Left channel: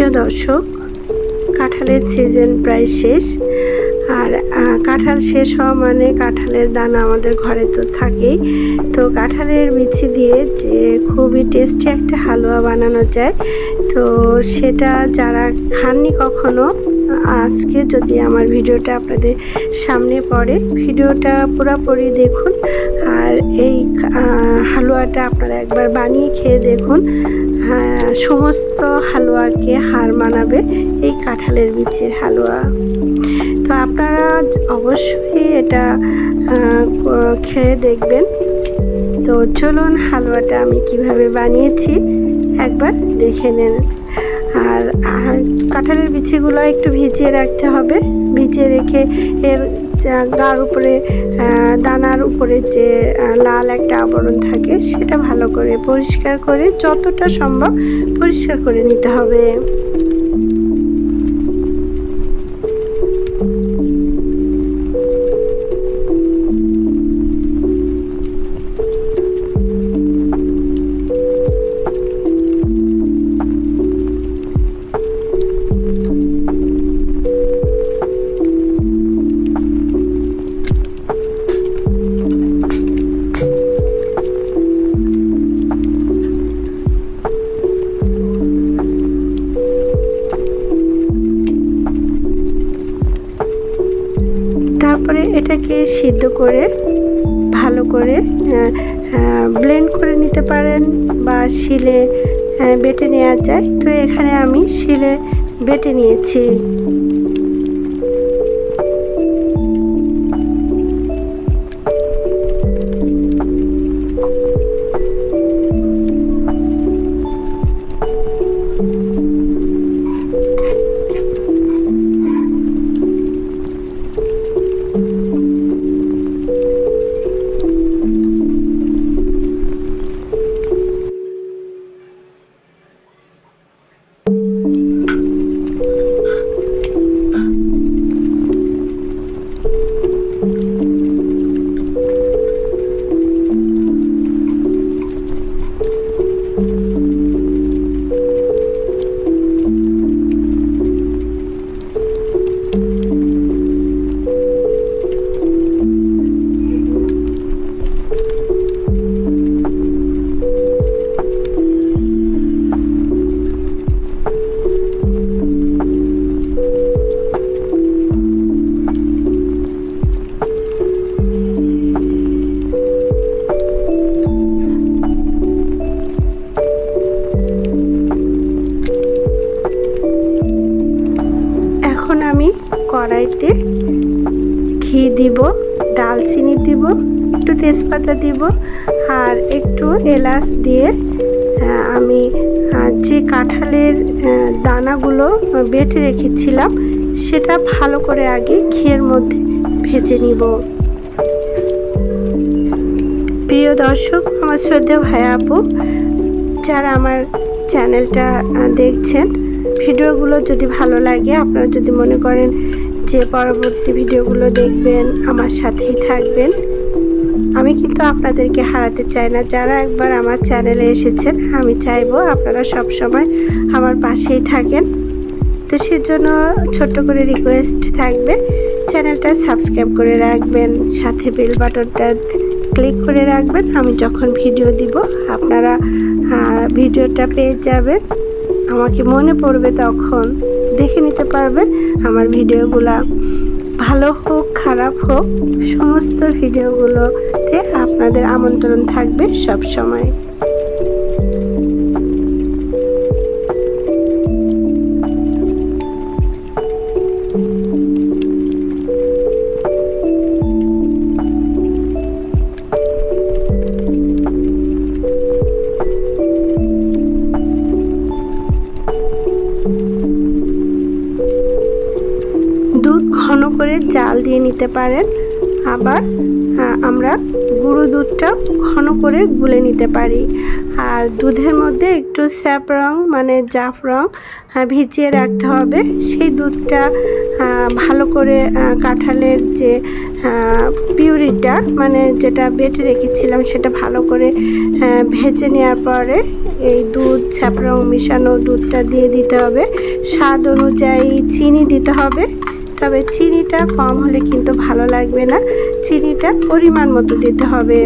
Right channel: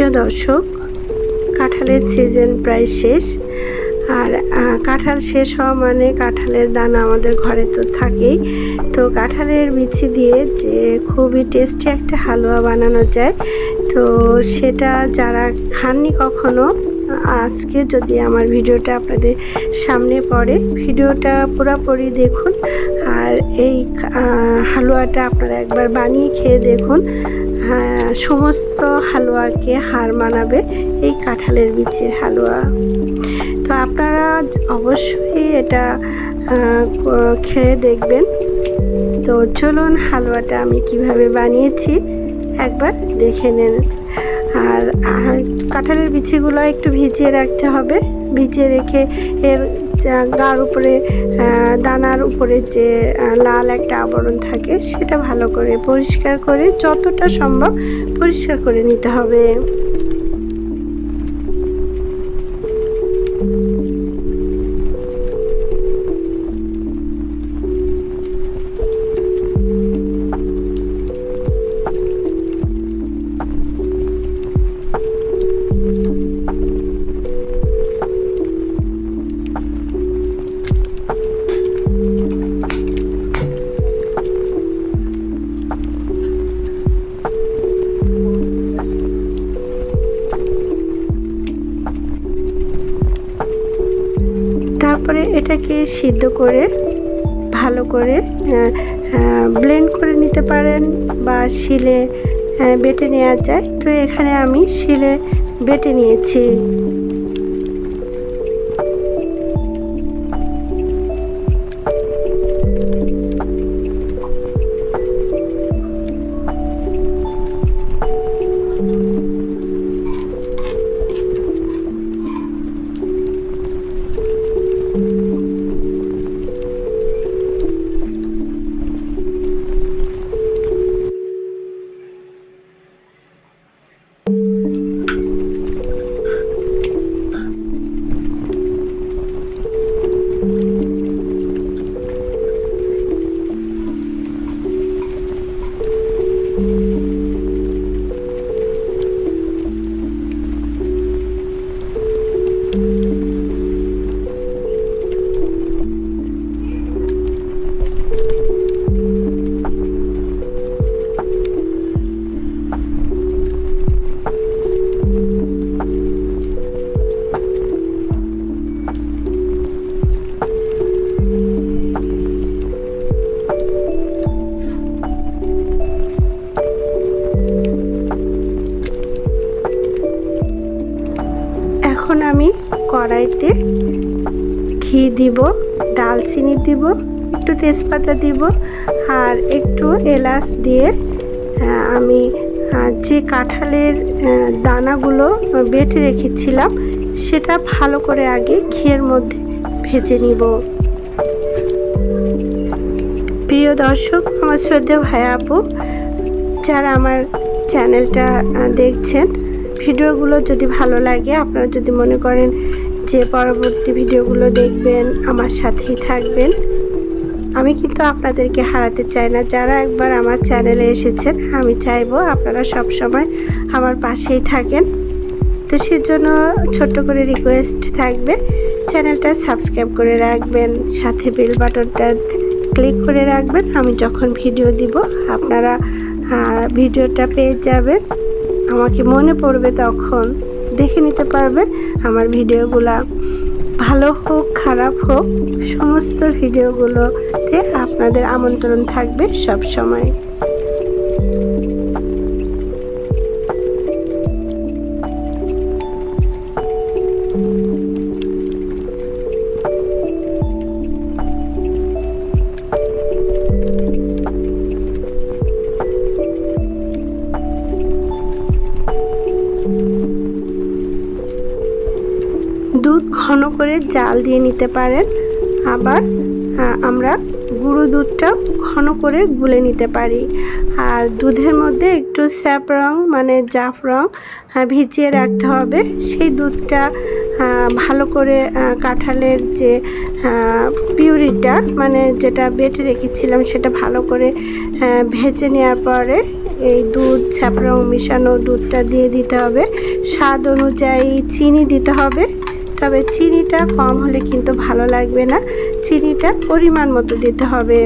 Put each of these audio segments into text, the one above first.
প্রিয় দর্শক, কাঁঠালের সিজন প্রায় শেষ। আর কাঁঠাল শেষ হওয়া মানে কাঁঠালের দানা আমাদের ঘরে তো থাকেই। তো কাঁঠালের বিচি দিয়ে যে খুবই টেস্টি একটা হালুয়া বানানো যায়, তো সেটা যারা খাননি কখনো, আজকে যদি আমার ভিডিওটা আপনাদের সামনে পড়ে, ভিডিওটা পুরোপুরি দেখুন। আর এই হালুয়াটা আপনারা একবার বানিয়ে খেয়ে দেখুন। সমস্ত হালুয়াকে হার মানাবে এই কাঁঠালের বিচির হালুয়া। তো আপনারা অবশ্যই এটা খেয়ে দেখবেন। তো চলুন হালুয়াটা আমি কিভাবে বানিয়েছি একবার দেখে নেন। আর কাঁঠালের বিচিগুলো একটু ভিজিয়ে রাখতে হবে। ভিজিয়ে রেখে এর গার উপরে, দানার উপরে যে লাল একটা আবরণ থাকে, সেটা ভালো করে পরিষ্কার করে, যতটা সম্ভব পরিষ্কার করে নিতে হবে। তারপরে এটাকে সিদ্ধ করে ভালো করে ব্লেন্ড করে নিতে পারেন, বা শিলে বেটে নেওয়া যায়। তো এখানে আমি শিলে বেটে নিয়েছি। এখন আমি কড়াইতে ঘি দিব, ডালচিনি দিব, একটু তেজপাতা দিব, আর একটু এলাচ দিয়ে আমি যে কাঁঠালের দানাগুলো বেটে রেখেছিলাম সেটা ভালো করে আগে ঘিয়ের মধ্যে ভেজে নিব। প্রিয় দর্শক, আমার শ্রদ্ধেয় ভাই আপু যারা আমার চ্যানেলটা দেখছেন, ভিডিওগুলো যদি ভালো লাগে, আপনারা যদি মনে করেন যে পরবর্তী ভিডিওগুলো দেখবেন, আমার সাথেই থাকবেন। আমি কিন্তু আপনাদেরকে হারাতে চাই না। যারা একবার আমার চ্যানেলে এসেছেন, আমি চাইবো আপনারা সব সময় আমার পাশেই থাকেন। তো সেজন্য ছোট্ট করে রিকোয়েস্ট থাকবে, চ্যানেলটা সাবস্ক্রাইব করে রাখবেন, সাথে বেল বাটনটা ক্লিক করে রাখবেন। আমি যখন ভিডিও দিব আপনারা ভিডিওটা পেয়ে যাবেন, আমাকে মনে পড়বে, তখন দেখে নিতে পারবেন আমার ভিডিওগুলা। ভালো হোক খারাপ হোক, সমস্ত ভিডিওগুলোতে আপনাদের আমন্ত্রণ থাকবে সব সময়। দুধ ঘন করে জাল দিয়ে নিতে পারেন, আবার আমরা গুঁড়ো দুধটা ঘন করে গুলে নিতে পারি। আর দুধের মধ্যে একটু স্যাফরন মানে জাফরন ভিজিয়ে রাখতে হবে। সেই দুধটা ভালো করে কাঁঠালের যে পিউরিটা মানে যেটা বেটে রেখেছিলাম সেটা ভালো করে ভেজে নেওয়ার পরে এই দুধ স্যাফরন মিশানো দুধটা দিয়ে দিতে হবে। স্বাদ অনুযায়ী চিনি দিতে হবে, তবে চিনিটা কম হলে কিন্তু ভালো লাগবে না, চিনিটা পরিমাণ মতো দিতে হবে।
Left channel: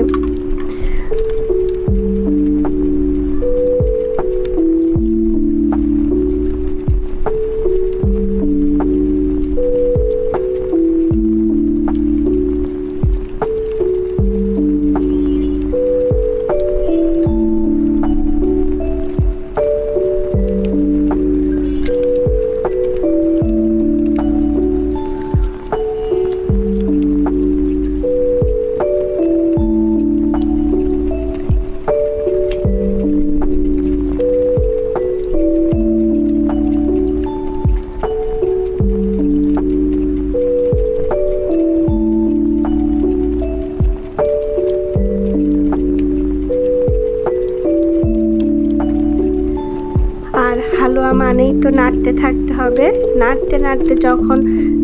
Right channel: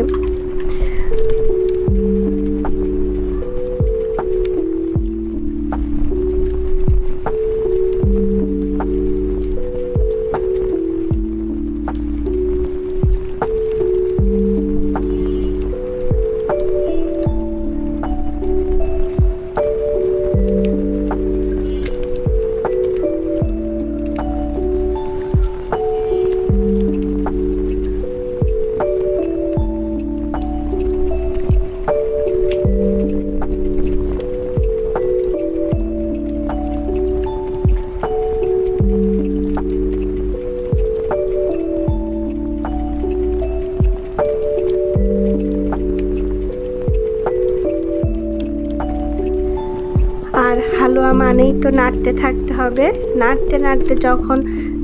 আর হালুয়া মানেই তো নাড়তে থাকতে হবে। নাড়তে নাড়তে যখন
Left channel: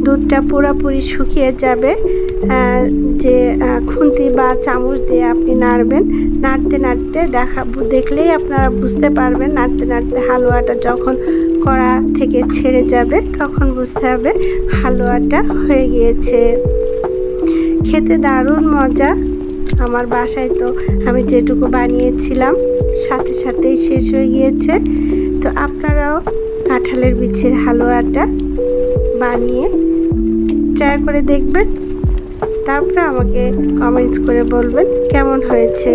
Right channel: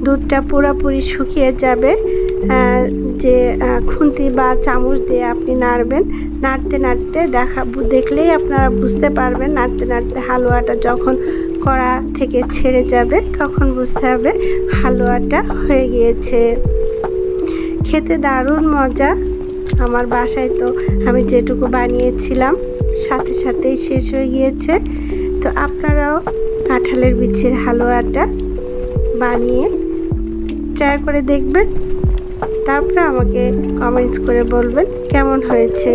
দুধটা পুরোপুরি শুকিয়ে যাবে, যে খুন্তি বা চামচ দিয়ে আপনি নাড়বেন। নাড়তে নাড়তে দেখলেই আপনারা বুঝতে পারবেন, নাড়তে নাড়তে হালুয়াটা যখন কড়া থেকে ছেড়ে যাবে তখন বুঝতে হবে হালুয়াটা হয়ে গিয়েছে। খেতে দারুণ মজা। আমার বাসায় তো আমি যেটুকু বানিয়েছিলাম সাথে সাথেই শেষ হয়ে গিয়েছে। তো আপনারাও কাঁঠালের বিচির হালুয়াটা বানিয়ে ট্রাই করে দেখবেন, তারপরে আমাকে কমেন্টস করে বলবেন কেমন হয়েছে।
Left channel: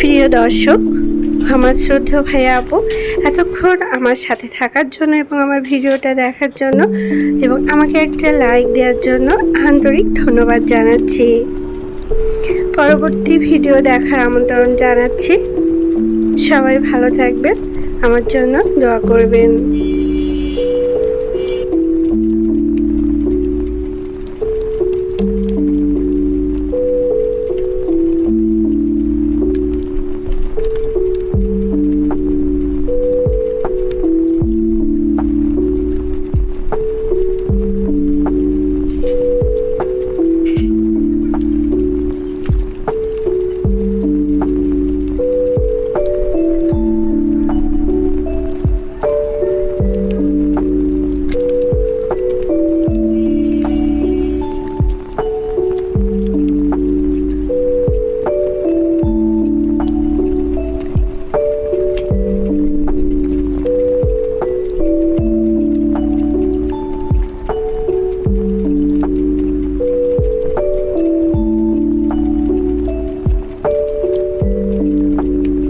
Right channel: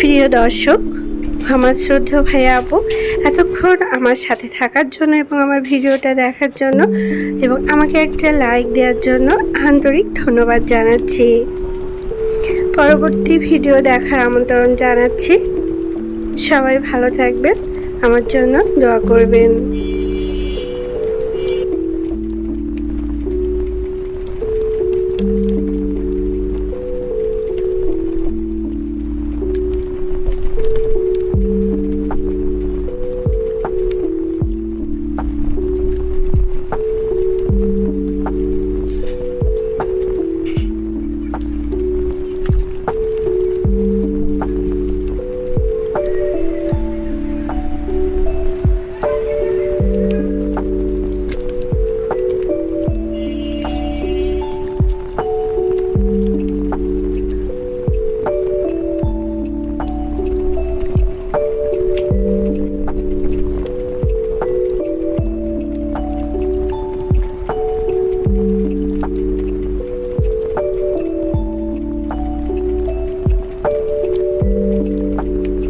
প্রিয় দর্শক, আমার শ্রদ্ধেয় ভাইয়া আপু, এতক্ষণ আমার সাথে থাকার জন্য এবং আমার ভিডিওটা দেখার জন্য এবং আমাকে একটা লাইক দেওয়ার জন্য আন্তরিক ধন্যবাদ জানাচ্ছি। পরবর্তী ভিডিও দেখার আমন্ত্রণ জানাচ্ছি। সবাই ভালো থাকবেন, আমার জন্য দোয়া করবেন।